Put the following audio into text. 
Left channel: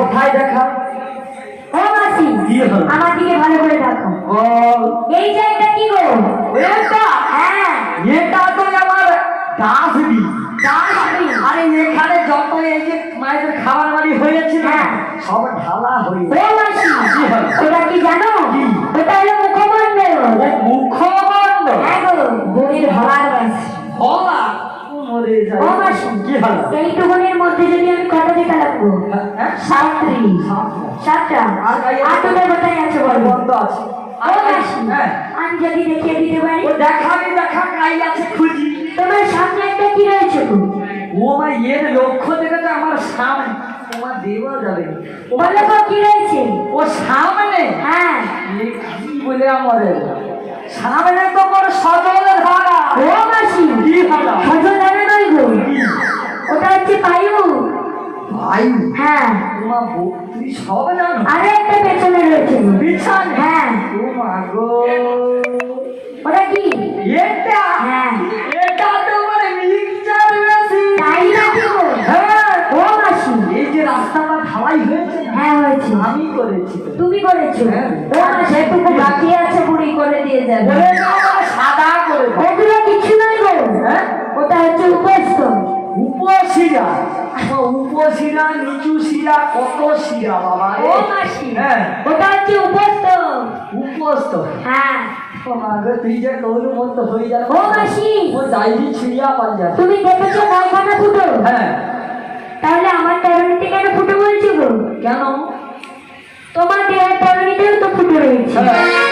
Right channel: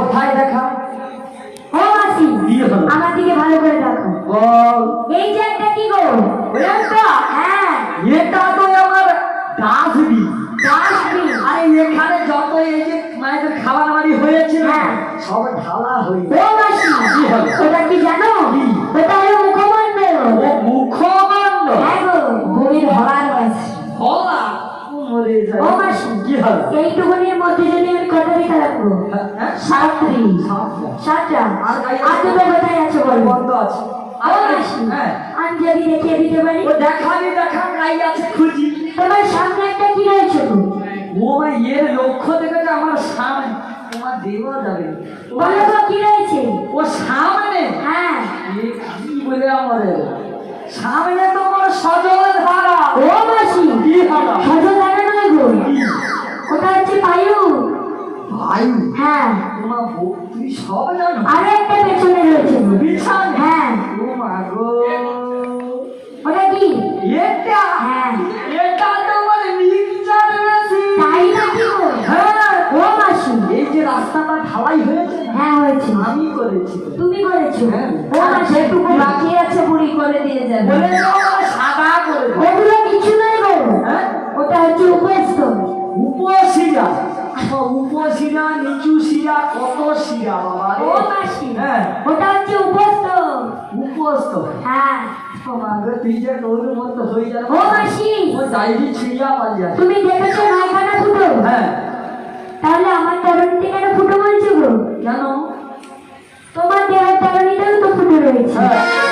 কোথায় হলো? আমার দিকে ভালো করে দেখো। বল। এই যে এটা কি গো? এটা? হ্যাঁ। এটা তো আমার ডাস্টবিন। ডাস্টবিন। আরে এখানে যত এই যে মায়েদের খাবার বাড়ি হয়েছে না, হ্যাঁ। সব ঢালা হয়ে ও মাসি, কি হলো? ওটা কি জানো? কি? ওটা হলো মুখমণ্ডল। মুখমণ্ডল? হ্যাঁ গো, গরিব হওয়ার বাস। ভোলা? মরে যায়। ও মাসি, কি হলো? এইটুকুনের মধ্যে যদি আমি কটা দিতে রাখবো? হ্যাঁ? 7টি। 7টা। আর তুমি কোথায় আছো বলো? বন্ধ আছে। ও মাসি, হ্যাঁ। আমি যদি দেখিয়ে দিতে পারি? ও দেখাবি দেখা কাই আছে খুঁজি। তোমার সামনে একটা কি রয়েছে গো? ও ভাই এর লক্ষ্য দেখে যে আমার সামনে তোমার দেওয়া যাবে না। বলো গো কি রয়েছে? ও সামনে? হ্যাঁ। এ কি বলে আমাদের সামনে তো বড় সজল ধারা। ও মাসি, কি ধারা? সজল ধারা নয় গো, ওটা হচ্ছে বায়ু। বায়ু? হ্যাঁ। তোমার তুমি সব জানো? আরে একটা পেছনে রয়েছে গো। বিছানে? হ্যাঁ। ও মা গো, ওটা কি? এটা? হ্যাঁ। এটা তো মানে মিক্সচার মেশিন। তাই নাকি গো? হ্যাঁ। ও মাসি, এই যে রাস্তাটা ঢালাই হয়েছে না, হ্যাঁ হয়েছে। আমি করেছি। তুমি করেছো? হ্যাঁ। ও মাসি, একটুকু বাকি আছে, বুড়ি করে দিয়ে যাবে। বলে দাও না, সাদা করে দাও। ওগুলো কিছু নয় গো, হ্যাঁ? ওটা হচ্ছে উপস্থ। উপশিরা? উপশিরা, নিচু শিরা, কত শিরা বাবা রে। ও মাসি, হ্যাঁ। ওটা হচ্ছে উপস্থ। উপস্থ? হ্যাঁ। ও মা গো, তুই যে তোর মতো হয়ে যাবে। ও মাসি, ও ডাইরি ছুঁয়া পাল যাবে। তুমি দেখেছো 9খানা ফুটো? হ্যাঁ। তাহলে আমার তেরোনিতে কেন ফুটো বলছো গো? কেন? তোমার তেরোনিতেও তো ফুটো রয়েছে। হ্যাঁ।